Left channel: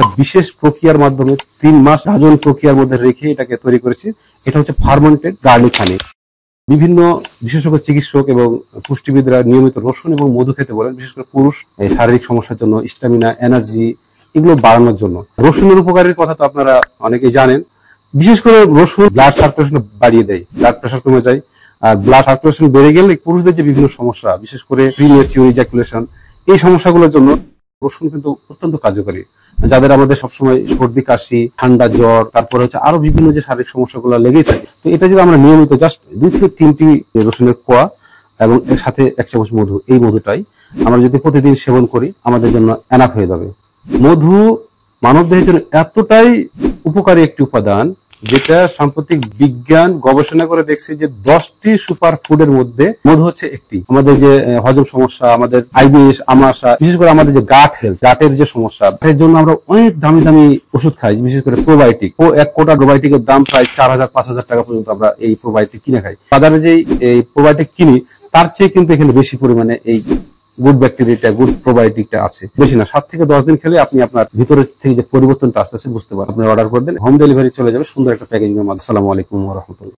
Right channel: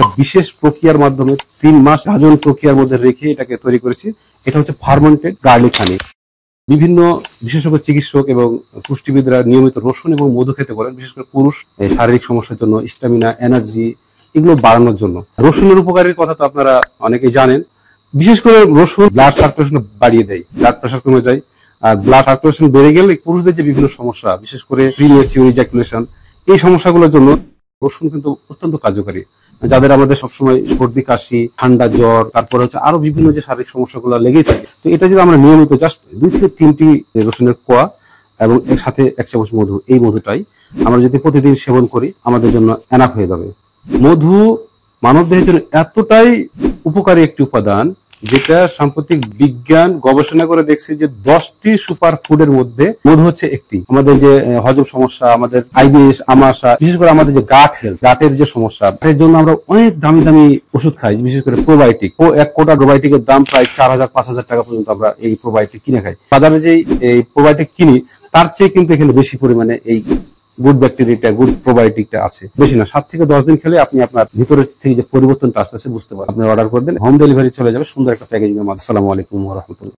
একটা বিশেষ প্রক্রিয়ার মাধ্যমে 3 মাস গাজন প্রক্রিয়ার মধ্যে রেখে এটাকে তৈরি করেছি। এটা হচ্ছে ফার্মেন্টেড গার্লিক হানি। বিভিন্ন বিশেষজ্ঞ চিকিৎসক এবং পুষ্টিবিদরা নিয়মিত রসুন এবং মধু খেতে বলেন, বিশেষ করে পুরুষ শারীরিক সমস্যার জন্য, স্ট্যামিনা, এনার্জি এগুলো বাড়ানোর জন্য। রসুনের উপকারের কথা তো আপনারা অনেকেই জানেন। বিশেষ করে রসুন ব্লাড সার্কুলেশন বাড়িয়ে দেয়, ব্লাড প্রেশার কমে যায়। আর ব্লাড সার্কুলেশন বেড়ে গেলে পুরুষদের যে বিভিন্ন সমস্যা, বিশেষ করে প্রিম্যাচিউর ইজাকুলেশন, এই সমস্যাগুলোর জন্য রসুন কিন্তু অত্যন্ত কার্যকারী। যাদের আমাদের সবসময় সর্দি কাশি, ঠান্ডা, জ্বর, তারপরে হচ্ছে আরো বিভিন্ন যে শারীরিক সমস্যাগুলো লেগেই থাকে, তো এটা যদি আমরা নিয়মিত জাস্ট 2 থেকে 3টি রসুনের কোয়া এবং এর সাথে 1 চামচ মধু, এই মধুটাই আমরা যদি প্রতিদিন সেবন করি আমাদের জন্য এনাফ হয়ে যাবে। মধু মানবদেহের জন্য এতটাই উপকারী একটি উপাদান, যেটা সাম্প্রতিক বিজ্ঞান গবেষণা করে দেখছে যে 10টি সুপার ফুডের মধ্যে মধু হচ্ছে একটি। আমাদের যে হজম সমস্যা, আমাদের আইবিএস, আমাশা, বিশেষ করে আমাদের যে গাট হেলথ, গাটের যে সমস্যা, এর জন্য আমরা অনেক দামি দামি ওষুধ খাই, বিশেষ করে প্রোবায়োটিক। এক কোটা প্রোবায়োটিকের দাম প্রায় 4000-5000 টাকা পর্যন্ত আমরা এই প্রোবায়োটিক কিনে খাই। বাজারে যে এই প্রোবায়োটিক কিনি তার চেয়ে কিন্তু এখানে বেশি পরিমাণে এই গুড ব্যাকটেরিয়াটা, গুড প্রোবায়োটিকটা আছে। বেশি না, 7 থেকে 10 দিন খেলে আপনি আপনার ভিতরের থেকে যে পরিবর্তনটা আসতেছে বুঝতে পারবেন। আপনি অর্ডার করে দেন, হোম ডেলিভারি চলে যাবে সুন্দর একটা প্যাকেজিং এর মাধ্যমে। আসসালামু আলাইকুম ওয়া রাহমাতুল্লাহ।